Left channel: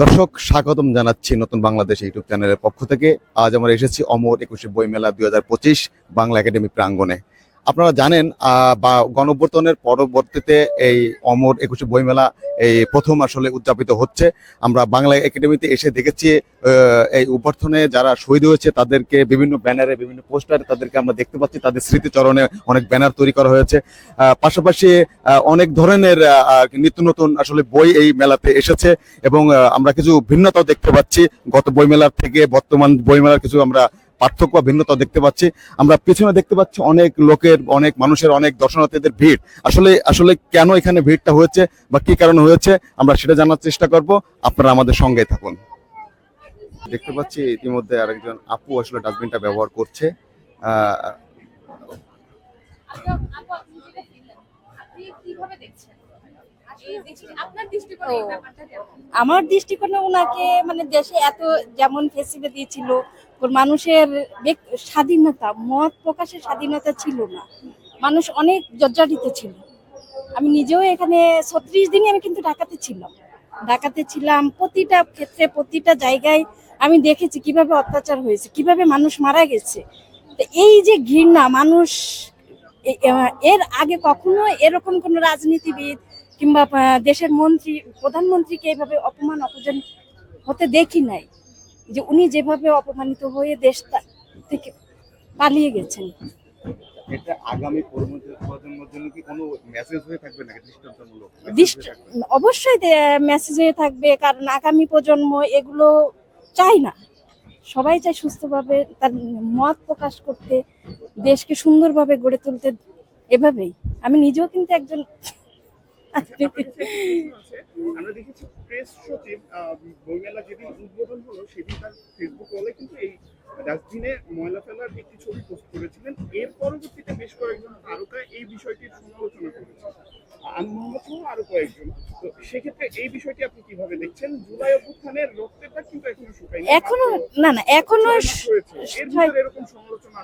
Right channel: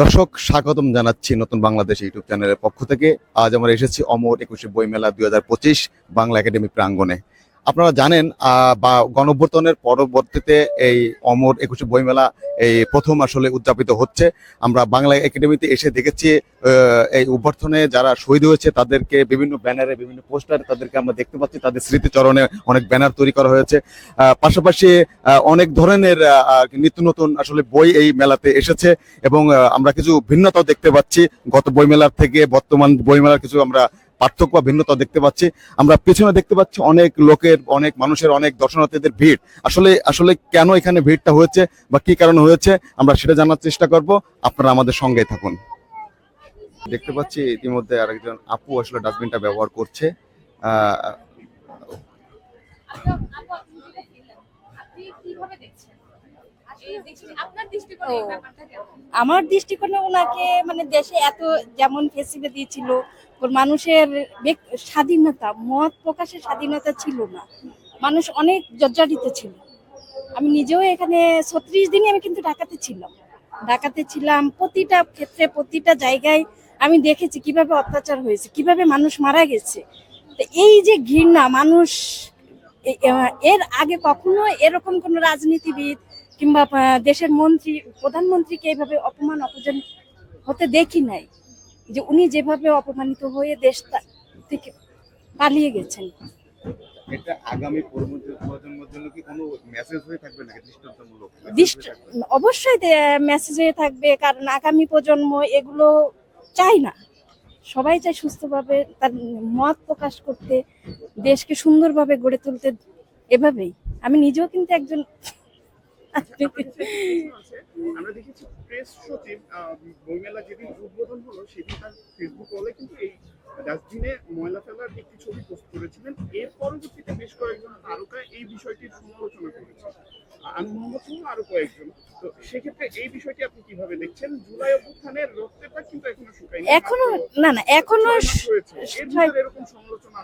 দর্শক স্বাগতম জানাচ্ছি নতুন বাংলাদেশ ইউটিউব চ্যানেলের পক্ষ থেকে। আজ আমরা এসেছি অমর 21 বইমেলা 2025 বাংলা একাডেমি প্রাঙ্গণে। আপনারা জানেন বা গণঅভ্যুত্থানের পরবর্তীতে এই অমর 21 বইমেলা এই প্রথম আসলে উদযাপিত হচ্ছে। আমরা বাংলা একাডেমিতে এসে দেখেছি এই অভ্যুত্থানে যারা শহীদ হয়েছে তাদেরকে বিভিন্ন ব্যানারে বিভিন্ন পোস্টারে তাদেরকে আমরা দেখতে পাচ্ছি, তাদের স্মৃতিচরণে অনেক ব্যানার তৈরি করা হয়েছে। পাশাপাশি অনেক ধরনের নিত্য নতুন আসলে বই এই মেলাতে এসেছে এবং আমরা কিছু ভিন্নতা দেখতে পাচ্ছি গত বইমেলার থেকে বর্তমান বইমেলার কিছু আমরা পার্থক্য ভিন্নতা দেখতে পাচ্ছি। আমরা পেছনে দেখতে পাচ্ছি অনেক লোকের, অনেক মানুষের, অনেক দর্শনার্থীদের ভিড়। আসলে আসলে কেন এখানে ভিড়টা হয়েছে বা কি কারণে হয়েছে আমরা সেটা জানার চেষ্টা করব। আপনারা আমাদের সঙ্গে থাকুন। দেখতে পাচ্ছি ইতিমধ্যে আরেকজন আপু আসলে ডাস্টবিনটা ব্যবহার করছে। আমার দৃষ্টিকোণে ওনাকে মানে দেশে এত যেমন ফেসিলিটি ছিল, মানুষের স্বাধীনতা, মত প্রকাশের স্বাধীনতা ছিল না, মানুষ অনেক জর্জরিত ছিল। আমি নিজেও এখানে 36 দিনই আমি কিন্তু ঢাকাতে ছিলাম। প্রতিটা ক্ষেত্রে প্রতিটা জায়গায় আমি দেখেছি কিভাবে অত্যাচার হয়েছে, কিভাবে মানুষ মারা গেছে। এই যে ঘৃণা মানুষ, এর আগে কখনো এরকম কোন রাজনীতিবিদ কিংবা দেশের মন্ত্রী প্রধানমন্ত্রীকে এইভাবে অপমান অপমান হতে দেখি নাই, যে উনি যেভাবে অপমানিত হয়ে দেশ থেকে পালিয়ে গেছেন। এটা আগামী প্রজন্মের জন্য কি কোনো মেসেজ হয়ে থাকবে নাকি দৃষ্টান্তমূলক? অবশ্যই মেসেজ হয়ে থাকবে, কারণ আগামী প্রজন্ম এগুলো চায় না। সবাই চায় সুস্থভাবে তার মত প্রকাশ করতে, দেশকে সুন্দরভাবে গড়ে তুলতে। এভাবেই আমি নিজেও কিন্তু একজন আমরা দেখেছি প্রেস সচিব বইমেলা যেদিন উদ্বোধন হলো সেদিন তার ফেসবুক ওয়ালে কিন্তু এই ডাস্টবিনে ময়লা ফেলার একটি ছবি পোস্ট করেছিলেন। এর পরবর্তীতে বেশ কয়েকজন তারকা এই বিষয়টির সমালোচনা করেছেন, আমি মোহাম্মদ সহ আরো কয়েকজন। তো সেক্ষেত্রে এই বিষয়টি আপনি কিভাবে দেখছেন? জুলাই অভ্যুত্থানের রক্তের দাগ কিন্তু এখনো শুকায়নি, এখনো এরকম সমালোচনা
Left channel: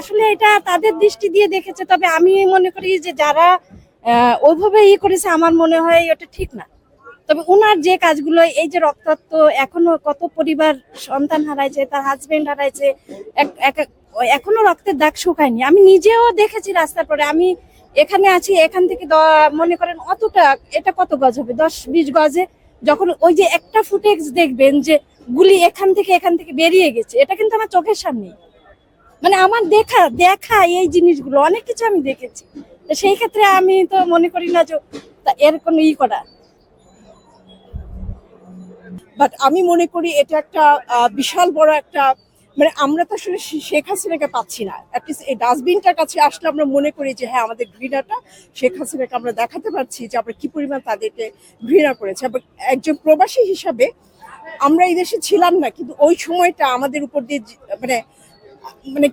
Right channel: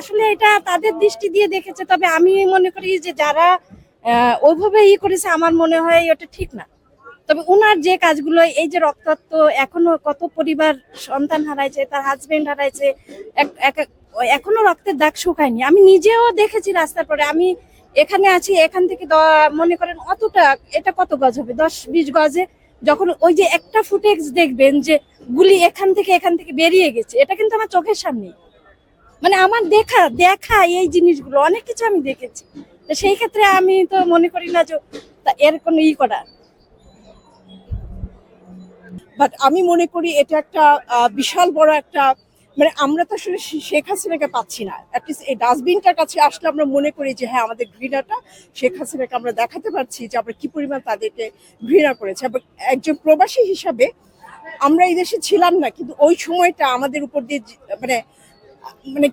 আসলে এটা তাদের দৃষ্টি দিয়ে দেখেছে। তবে আমি মনে করি যে যারা ওইভাবে করেছে, আমার মনে হয় ওটা ঠিক না। তবে ওনার যে কাজগুলো, এই যে রক্তাক্ত, এখনো কত পরিবার সন্তান হারাইছে, তার হাজবেন্ড হারাইছে, এখনো রক্তের দাগ শুকায়নি। আমি নিজেও দেখেছি রাস্তার পরে, আমি এখানে আছি, এখান থেকে মনে করেন অতটা, এটা কত গজ হবে, 10-20 গজে, যখন ওই যে একটা ফুটেজ দেখবেন যে গুলি এখান থেকে বেরিয়ে গেছে, এটা কিন্তু আমার চোখের সামনে। মানে আমার দেখা এই জিনিসগুলো অনেক কিছু আমি দেখেছি। সেই ক্ষেত্রে আমি তো মনে করি না যে এর কোনো করা। বাট আমি মনে করি এটা একটা বিশাল বড় একটা, মানে আমরা তো আসলে শেখ হাসিনাকে পাচ্ছি না। অ্যাটলিস্ট এই ডাস্টবিনটার কাছে আসলে আমরা মনে করি যে হ্যাঁ, আমাদের ঘৃণাটা শেখ হাসিনাকে আমরা দেখাতে পারছি যে আমরা কি পরিমাণ তাদেরকে ঘৃণা করেছি। এবং একজন প্রবাসী হিসাবে আমরা এই দেশে ছিলাম না, কিন্তু ওই সময়টা আমাদের উপর দিয়ে মানে মানে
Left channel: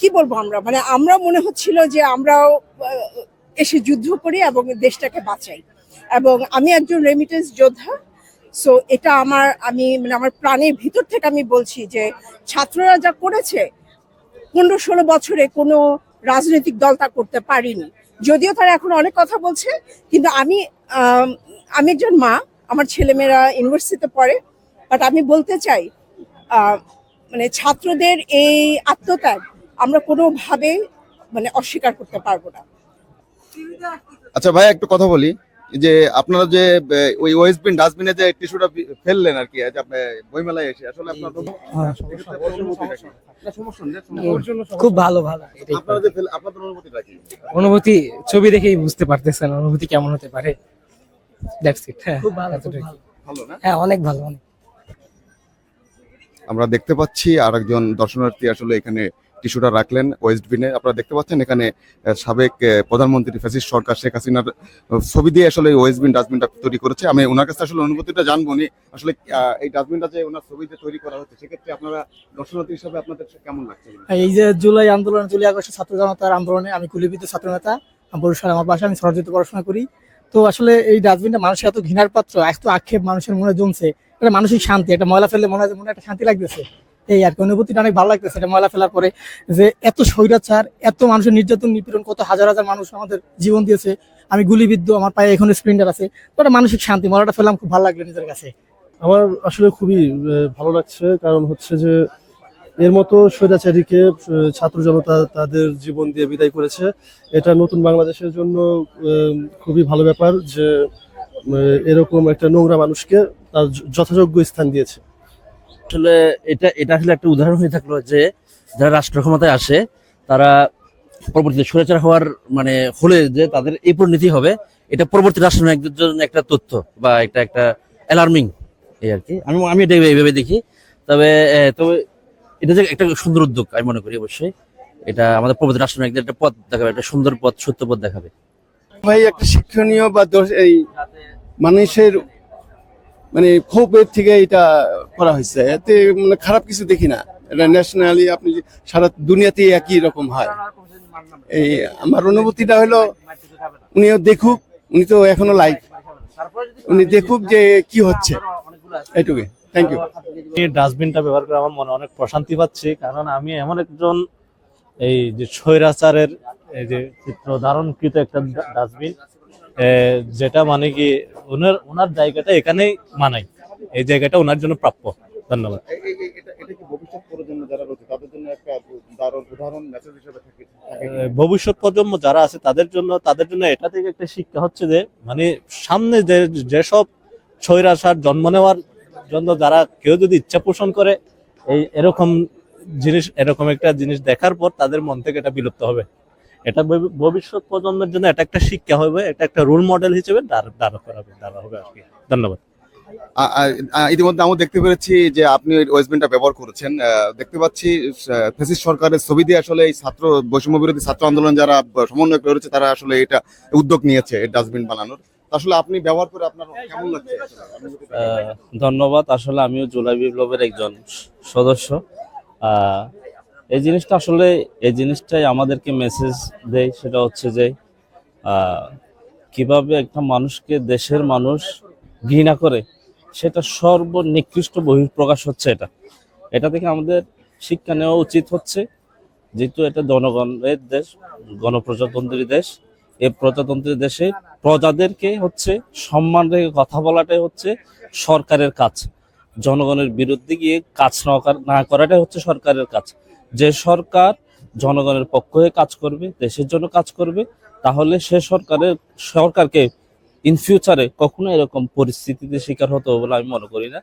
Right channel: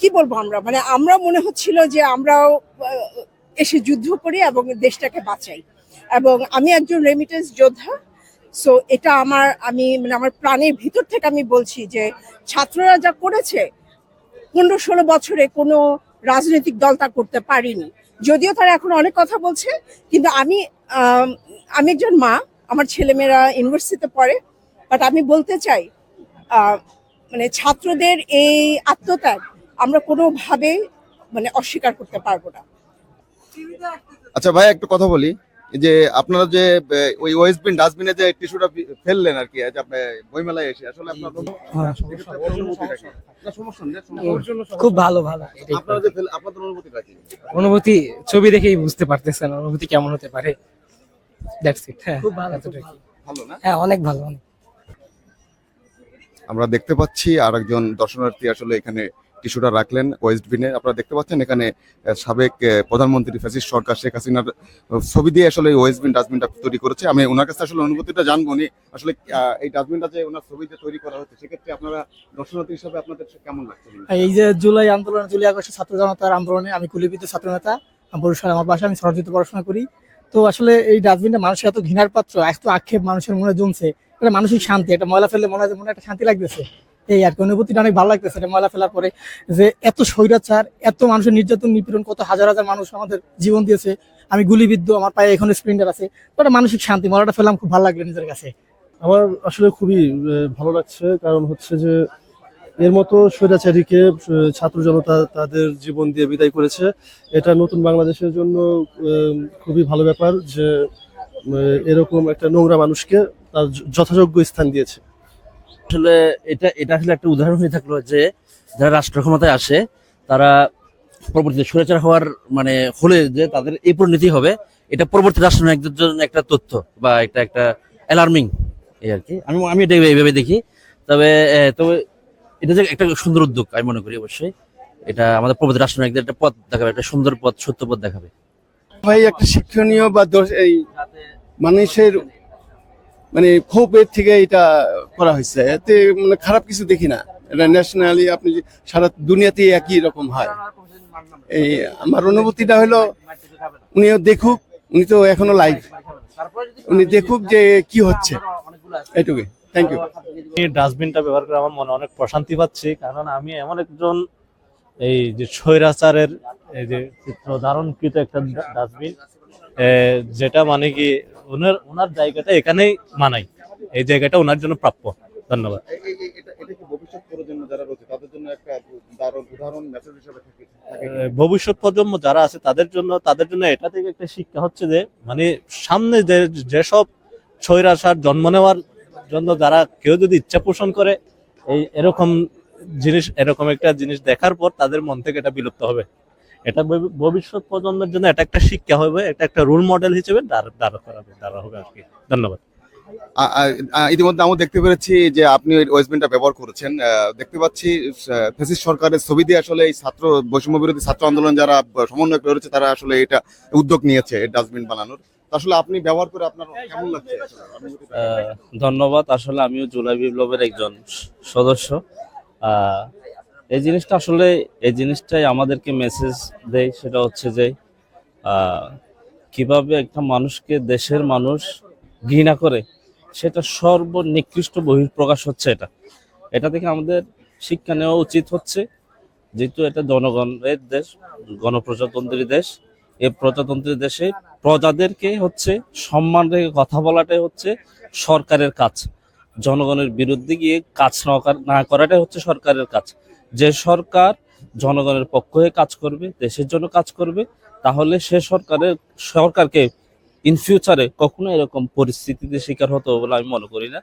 কি বলবো, আমরা মনে হচ্ছিল যে আমরাও এসে যুদ্ধ করি এবং দেশটাকে বাঁচাই। এবং আমি একজন রেমিটেন্স যোদ্ধা, সো এটা আমার প্রাণের ভিতর থেকে আমি বলছি যে ছাত্ররা যা করেছে 15-16 বছরে কোনো রাজনৈতিক দল তা করতে পারেনি। যদিও তারা এখন অনেক কথা বলছে, কিন্তু আমি একজন মা, আমার ছেলেমেয়েরা ইউনিভার্সিটিতে পড়ে, বাট আমি বলতে চাই মানে ছাত্রদের এই আত্মত্যাগ আমরা কোনোভাবে অস্বীকার করতে পারবো না। আচ্ছা ভাই, একটু কথা বলি যে আপনারা যে ওই ওয়েস্টবিন ডাস্টবিনে যে টিস্যুটা ফেললেন আর কি, আজ আপনি বইমেলায় এসে, আসলে আপনার খুব ভালো আপনাদের অনুভূতিটা কি? অনুভূতি ছবি দেখেই বুঝতে পারতেছেন অনুভূতি কেমন হতে পারে। That's it. হ্যাঁ, খুব ভালো, ভালো না? হ্যাঁ, অনেক ভালো। আমরা দেখতে পাচ্ছি আরেকজন দর্শনার্থী আসলে এখানে টিস্যুটা রাখলেন ওয়েস্টবিনে। আপনারা দেখতে পাচ্ছেন এখানে সাবেক প্রধানমন্ত্রী ফ্যাসিস্ট সরকার শেখ হাসিনার ছবি দিয়ে আসলে ওয়েস্টবিন ডাস্টবিনটা তৈরি করেছে। আমি ওনার কাছে আসলে অনুভূতিটা জানবো নি, আসলে এই ডাস্টবিনটা যে ওনার ছবিতে তৈরি করা হচ্ছে, সেক্ষেত্রে আপনারা দর্শনার্থী হিসাবে আপনাদের কেমন লাগছে? এই যে জুলাই আন্দোলন, জুলাই আগস্টের ছাত্র জনতার আন্দোলনে আমি কুলিপিত ছাত্র নেতা, বরিশাল আমার বাসা, আমি সরজিত পড়াশোনা করি। তো আসলে এই ডাস্টবিনটা মানুষের এত ঘৃণার পাত্র, এত আক্ষেপ মানুষের মনে জমছে, এটা মানসিক শান্তি, এটা ময়লা ফেললে মনে একটা শান্তি লাগতেছে। এই আর কি অনুভূতিটা অনেক ভালো লাগতেছে এটা ময়লা ফেলার পরে, যে এত স্বৈরাচার, এত মানুষের নির্যাতন নিপীড়ন, কত হাজার হাজার মানুষ আমাদের জীবন দিয়েছে। আমি গুলিবিদ্ধ, আমার পায়ে এখন স্প্রিন্টার আছে, তো একটা মানসিক শান্তি, ময়লাটা ফেললাম, খুব ভালো লাগলো নিজের কাছে। আমার আসলে খুবই ভালো লাগছে, কারণ হচ্ছে যে এর মতো স্বৈরাচারীকে ছাত্র জনতা তাদের জীবন দিয়ে বিদায় করেছে। এটা নতুন বাংলাদেশের জন্য খুবই ভালো ব্যাপার যে এরকম একটা নোংরা মানুষকে তার যথাযোগ্য স্থান দিয়েছে। আসলে এটা এটা আসলে একটা উদাহরণ হয়ে থাকলো যে যারা রাষ্ট্র ক্ষমতায় আসে তারা পরবর্তীতে স্বৈরাচার হওয়ার মানে হলে যে তাদের এই পরিণতি হবে, এটা পরবর্তী রাষ্ট্রনায়কদের জন্য একটা তথ্য বা একটা একটা অ্যালার্মিং এই আর কি। আমি এটা এইভাবে দেখি। তবে তবে এটা যে একটা সুন্দর উদ্যোগ আমি মনে করি। অবশ্যই এটা আমাদের পরবর্তী রাষ্ট্রনায়কদের একটা পথ দেখাবে, একটা সুন্দর পথ, সত্য পথ দেখাবে। ভাই একটা শিক্ষণীয় বা এই মানুষের মানে ক্ষোভের থেকে এটা করা হয়েছে, এতে মানে খারাপ কিছু দেখি না। এটা ন্যাশনালি আপনি সারা দুনিয়াতে একই রকম হয়। এই আমার অনুভূতিটা হলো উনিও দেখুক, উনি তো এখনো লাইভ, উনি দেখুক যে কি হচ্ছে, এইটুকুই। Thank you. এই ডাস্টবিনটা ব্যবহার করে আমার মনে অনেক প্রশান্তি পাচ্ছি, কারণ আমি এমন একজন এই যে স্বৈরাচারের এই যে চিত্র ধারণকৃত একটা ডাস্টবিন, যেটা মানে কি ওনার জায়গাটা এখানেই মানাই, এই জায়গাটা ওনার জন্য প্রাপ্য। ধন্যবাদ। এটা কি ভবিষ্যৎ প্রজন্ম যারা রয়েছে তাদের জন্য একটা দারুণ উদাহরণ মেসেজ হিসেবে থাকে? ভবিষ্যৎ প্রজন্ম যারা আছে তাদের জন্য এটা থেকে একটা শিক্ষা হচ্ছে যে মানে সামনে যেসব স্বৈরাচার জন্ম নেওয়ার জন্য যারা কেউ যদি ইচ্ছা পোষণ করে এরকম একটা জিনিস দেখার পর তাদের মন থেকে এটা বিলুপ্ত হবে। এটা ভবিষ্যৎ প্রজন্মের জন্য এটা একটা শিক্ষা হবে, এটা একটা রোল মডেল হিসেবে দাঁড়া হবে আর কি। ধন্যবাদ। ইতিমধ্যে আমরা দেখতে পেরেছি যে আপনি ওয়েস্টবেনটা ব্যবহার করেছেন। দেখতে পাচ্ছি ফ্যাসিস্ট সরকারের ছবি দিয়ে আসলে এই ছাত্র বৈষম্য বিরোধী ছাত্র আন্দোলন যারা সমন্বয় করেছে তারা আসলে এটা উদ্যোগ নিয়েছে এই ডাস্টবিন বানানোর। আসলে আপনি ব্যবহার করে আপনার কেমন লাগছে? ধন্যবাদ। আসলে আমিও জুলাই বিপ্লবের একজন সদস্য। এই জিনিসটাই আমাদেরকে মেসেজ দেয়, সেটা হচ্ছে যে কিভাবে একটা মানুষকে দেশের মানুষ ঘৃণা করে, সেটা সর্বনিকৃষ্ট বহিঃপ্রকাশ হচ্ছে। এটা থেকে আমাদের শিক্ষা নেওয়া উচিত হচ্ছে, যেহেতু এটা জনগণের দেশ, গণপ্রজাতন্ত্রী দেশ। এই প্রজাতন্ত্রী দেশে প্রজাদেরকে হচ্ছে সম্মান রেখে কথা বলাটাই হচ্ছে সরকারের কাজ। জনগণের বিরুদ্ধে গিয়ে কাজ না করাটাই হচ্ছে সরকারের কাজ। যে সরকার জনগণের পক্ষ হয়ে কাজ করবে, দেশের জন্য কাজ করবে, তাহলে সে সরকারকে ইন ফিউচারে কখনো এরকম পরিস্থিতিতে শিকার হতে হবে বলে আমি মনে করি না।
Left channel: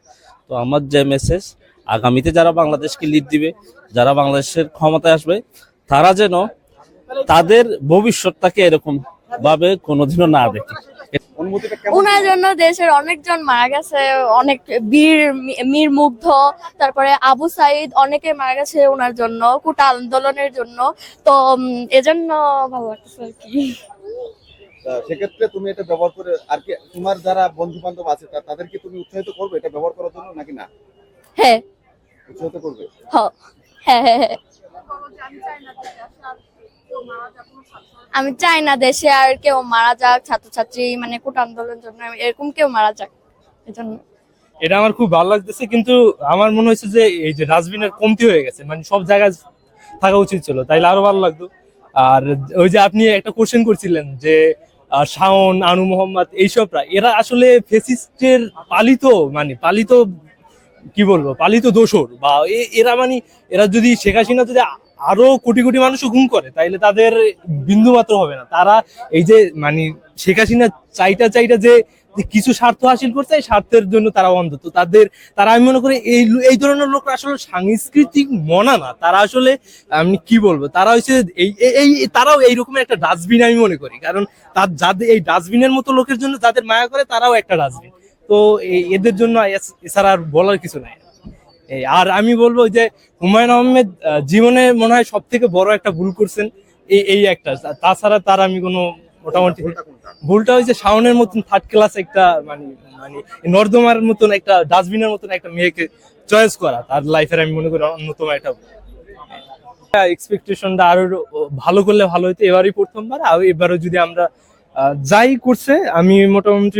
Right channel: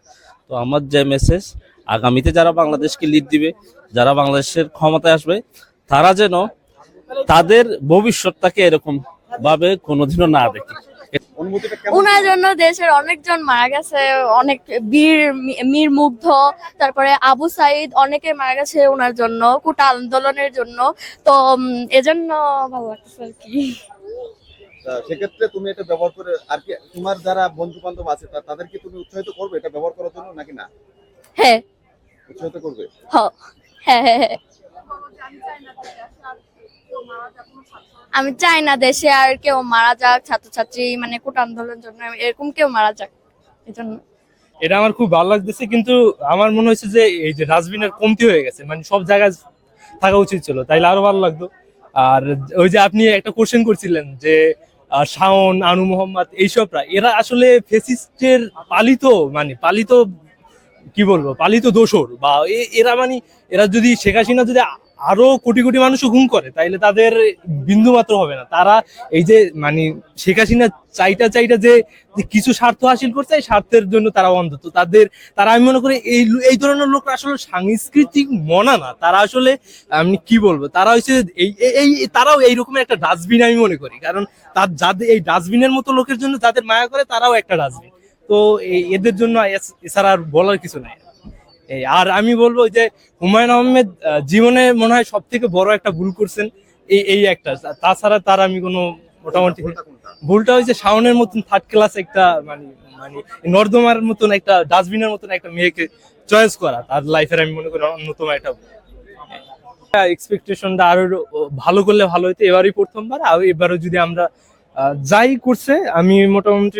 তো আমার যে মেসেজ, আগামীতে যারা বাংলাদেশকে লিড দিবে, যারা বাংলাদেশের ক্ষমতায় আসবে, তারা যেন তাদের ভবিষ্যৎটাকে এরকম ভাবে কোনোদিনও না দেখে। ওনার জন্য দেশের অনেকজন মারা গেছে, অনেক মীর মুগ্ধ, তারপরে আবু সাইদ, অনেকে মারা গেছে ওনার জন্য, কোটা আন্দোলনের জন্য। তো এজন্য ভালো লাগছে আর কি। সেক্ষেত্রে তুমি এটা ব্যবহার করে আর কি তোমার যারা বন্ধু বান্ধব আছে তাদেরকে তুমি উৎসাহিত করবে এটা ব্যবহার করার জন্য, নাকি না? হ্যাঁ, উৎসাহিত করবে। হ্যাঁ। আমি চাই না দেশে আর কেউ মারা যাক, ছাত্রছাত্রী মানে কোটা আন্দোলনের জন্য এরকম কেউ মারা যাক, এজন্য। এটা আমার খুব ভালো লাগতেছে, কিন্তু আমার মনে হচ্ছে যে এই যে ডাস্টবিনের কমতি হয়ে গেছে, মানে সব জায়গায় থাকা উচিত ছিল, তাইলে আরো ভালো লাগতো। আর ওই যে আপনি একটা কোশ্চেন করছিলেন যে শাওন, আনু মোহাম্মদ, এইসবরা এরা আসলে ফেসিস্টের পালিত কি বলবো, পালিত দোসর, বা এরা যদি শেখ হাসিনা যদি আরো কোটি কোটি মানুষও গুম করে তাইলে তাদের বিন্দু মাত্র হবে না। তারা এই যে শেখ হাসিনা চাইটা যে কিছু স্বার্থ হাসিল করছে, এই স্বার্থের জন্য তারা অন্ধ। তো তারা আমি মনে করি এই ধরনের লোক আসলে সাংস্কৃতিক মনা না, তারা আসলে আমি কি বলবো, তারা হচ্ছে তারাও এইরকম একটা ডাস্টবিন আমি মনে করি। কারণ যাদের এই ডাস্টবিনের মতো লোকের জন্য যাদের মায়া করে, তারাও একটা ডাস্টবিন। তো এদের জন্য এছাড়া আর বলার কিছু নাই। আর আমি বলবো যে হুমায়ুন আহমেদ জীবনে মনে হয় সব থেকে বড় একটা ভুল করছেন এই একটা। তাছাড়া তার আমি কোনো মোটামুটি ভুলটা হয়েছে শাওনের মতন থার্ড ক্লাস একটা মানে নর্দমার মতন একটা ডাস্টবিনের মতন একটা মেয়েকে চয়েস করা তার লাইফের আমি মনে করি অন্যতম একটা এক্সপেকটেশনটা আরো ভালো করলে ভালো হতো। এবারই প্রথমবার, আর এবারও যদি আমরা যাই করছে আমি মোটামুটি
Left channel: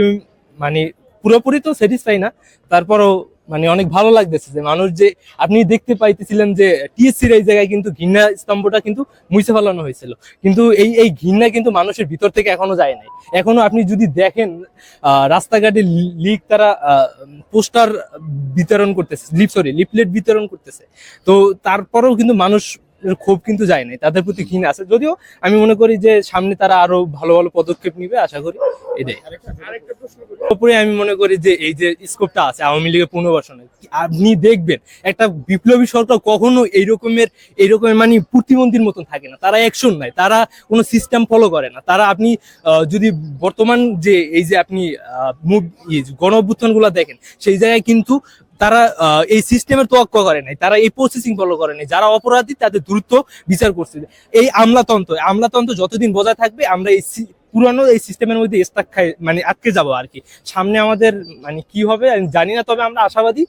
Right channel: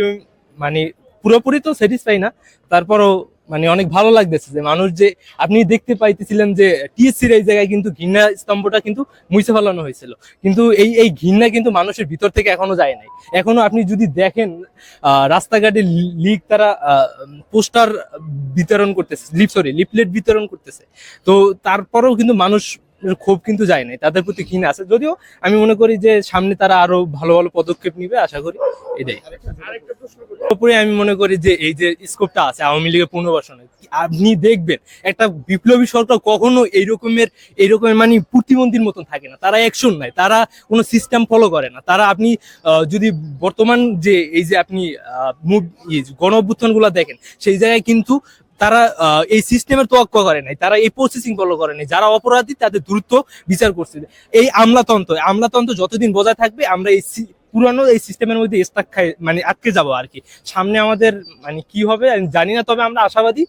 পুরোপুরি তো স্যাটিসফাই না, তারপরও মানে অনেক ভালো লাগতেছে যে মানুষ যে আপনি দেখতে পাইতেছিলেন যে টিএসসির এই জায়গায় কিন্তু ঘৃণা স্তম্ভটা কিন্তু মুছে ফেলানো হয়েছিল, কিন্তু এই ঘৃণা কিন্তু মানুষের ভিতর থেকে এখনো যায় নাই। এখনো আপনি যদি দেখেন রাস্তাঘাটে লিক তারা পোস্টার বিতরণ করতেছে, লিফলেট বিতরণ করতেছে, তো তারপরেও কিন্তু মানুষ ক্ষোভ কিন্তু যায় নাই, তাদের প্রতি ঘৃণা আছে। যদিও আমি মনে করি যে সামনে তারা আরো ভালো ভালো পদক্ষেপ নিবে, আশা করি এটাই। আরেকটা প্রশ্ন করি, উপরে আমি মনে করি যে এই যে স্কোপটা আছে আওয়ামী লীগের পুনর্বাসনে, আপনি দেখবেন একটা বিপ্লবী সরকার কখনো এইরকমের মানে প্রতিবন্ধীর মতন থাকে না, তারা অ্যাকশন নাই, তারা কোনো সিস্টেম ফলো করে না। তারা আপনি যদি বর্তমান যে এই যে আপনি গণ অভ্যুত্থান গুলা দেখেন, সেই জায়গায় কিন্তু তারা এই সিস্টেমের তোয়াক্কা করে নাই, তারা এই প্রসেসিং ফলো করে নাই, যারা অপরাধী তাদের দ্রুত বিচার করছে। এই আমলাতন্ত্র যতদিন বজায় থাকবে আমরা এই পুরানো এই সিস্টেমের মধ্যে মানে আটকে যাব আর কি। সামনে আমাদের মানে কি হবে আমি জানি না, তবে আমরা আশাবাদী।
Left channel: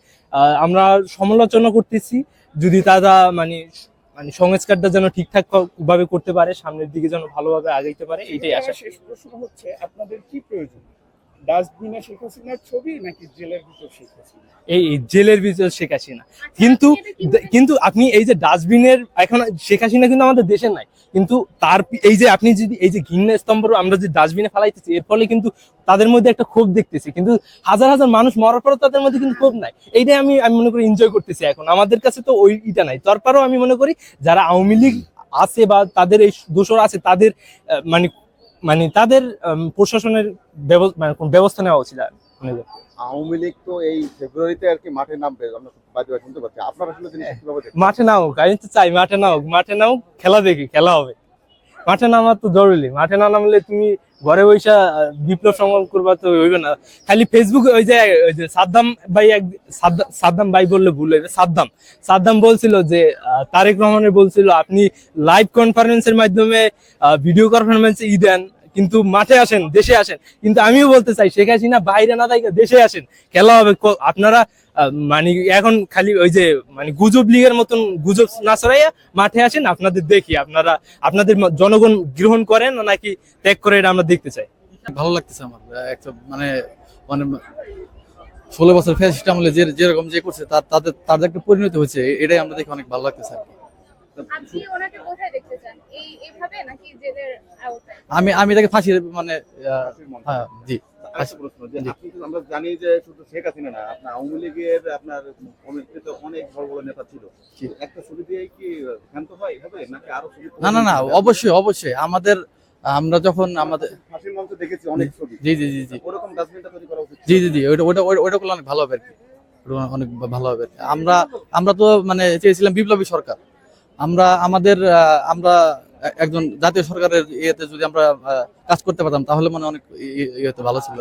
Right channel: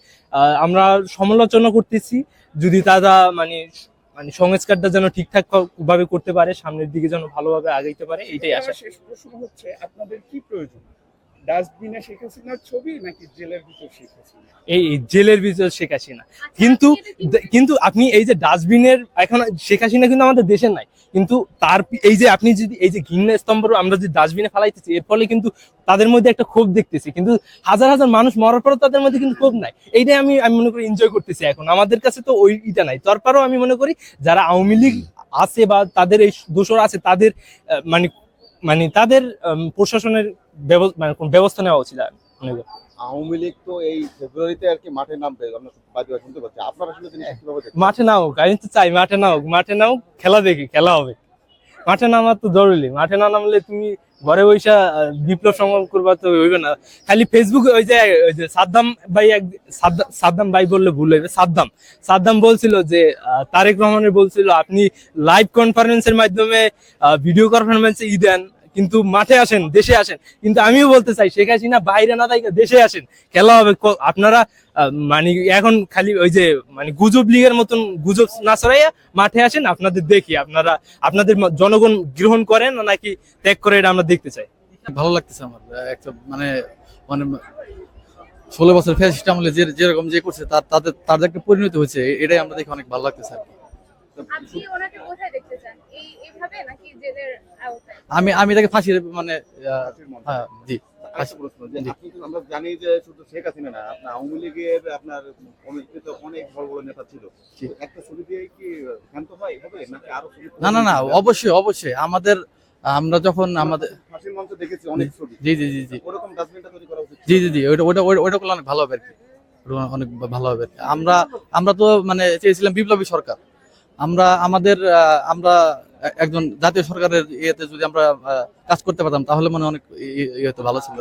আমরা সমালোচনা করতেছি যদি তারা মানে সংস্কারটা যেন ঠিকঠাক ভাবে করতে পারে, সামনের দিকে যেন ভালোভাবে আগাইতে পারে, এইটাই আশা। আমার শেষ প্রশ্ন হচ্ছে, আপনাদের কি প্রয়োজন? ডাস্টবিনে শেখ হাসিনার ছবি নাকি জেলের ভিতর শেখ হাসিনা? এই জেলের ভিতর শেখ হাসিনা, কিন্তু আপনি এই যে ডাস্টবিনের, এখন শেখ হাসিনা কিন্তু আমাদের দেশের নাই, কিন্তু তার এই যে আপনি যদি এই যে ঘৃণা স্তম্ভ আমরা যদি ডাস্টবিনে ফেলাইতেছি, এর ফলে কিন্তু তাদের মধ্যে একটা ক্ষোভ দেখতেছি, কিন্তু হাজার হাজার মানুষ মরার পরে তাদের মধ্যে কিন্তু ক্ষোভ নাই। এইটাই আমি মনে করি এনজয় করতেছি এখন, আমাদের কাছে তো ওইটা নাই। তারপরেও আমি মনে করি যারা আওয়ামী লীগ আছে বা তাদের এই দোষর আছে, তাদের মানে তাদের প্রশাসনের ব্যবস্থা নেওয়া উচিত। আওয়ামী লীগ তো এই ফেব্রুয়ারিতে আর কি মাঠে নামবে, আমরা বাদী শুনতে পাচ্ছি। আপনারা আসলে জিনিসটা কিভাবে দেখেন? মাঠে নাও, আমি তো চাই মাঠে নাও, খেলা দেখি, খেলা হবে। মাঠে নামা তো জরুরি, মাঠে না নামলে তুমি ঘরে বসে বিপ্লব সংগ্রাম করবা তো হইবে না। খালি ফেসবুকে ওই যে সাদ্দাম ভাই বললে ভুল হইবে, সাদ্দাম বলছিল যে তারেক রহমানের বলছিল আপনি লাইভ কনফারেন্সের মাধ্যমে ভিডিও কনফারেন্সে দেন, কিন্তু মাঠে আসেন, দেশে আসেন। কিন্তু আমিও বলতে চাই শেখ হাসিনা বাইরে না থাকে, দেশে আসেন, খেলা হবে। আপনারা মানে এখন খালি ওই যে মানে গুজব লীগের মতন গুজব না ছড়াইয়া মাঠে আসেন, আপনাদের দেখি আপনাদের জনগণ গ্রহণ করেন নাকি ত্যাগ করে, এটা আমরা দেখতে চাই। ভালো লাগতেছে আমার একটা মানে 16 বছর ফ্যাসিস্ট আমলে যেরকম যে করছে তার যে একটা পরিণতি হয়েছে, এটাই আমরা দেখে অনেক ভালো লাগতেছে। আমি এটাকে ফাঁসির মানে হ্যাঁ জি। আমরা জানি যে শুধু শেখ হাসিনা না, আপনার আওয়ামী লীগের আপনার কমিটিতে অনেক বড় বড় নেতা ছিল, একটা ছবি দিয়ে কি ক্ষান্ত হবে নাকি আরো ছবি? না অবশ্যই আমরা যখন আমাদের ফাঁসির মঞ্চ দেখেছি অনেক ছবি। জি ওরকম ডাস্টবিনটা তৈরি করা উচিত। জি ওটা করলে অনেক ভালো হবে আর কি, অনেক ভালো হবে। আমরা তো মানে চেয়েছিলাম বিপ্লবী সরকার, আমরা একজন জাতীয় সরকারের ইয়েতে যদি আমরা কাজ করতে পারতাম তাহলে মানে অনেক ইয়ে ভালো ছিল।